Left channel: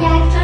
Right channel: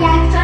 Yeah,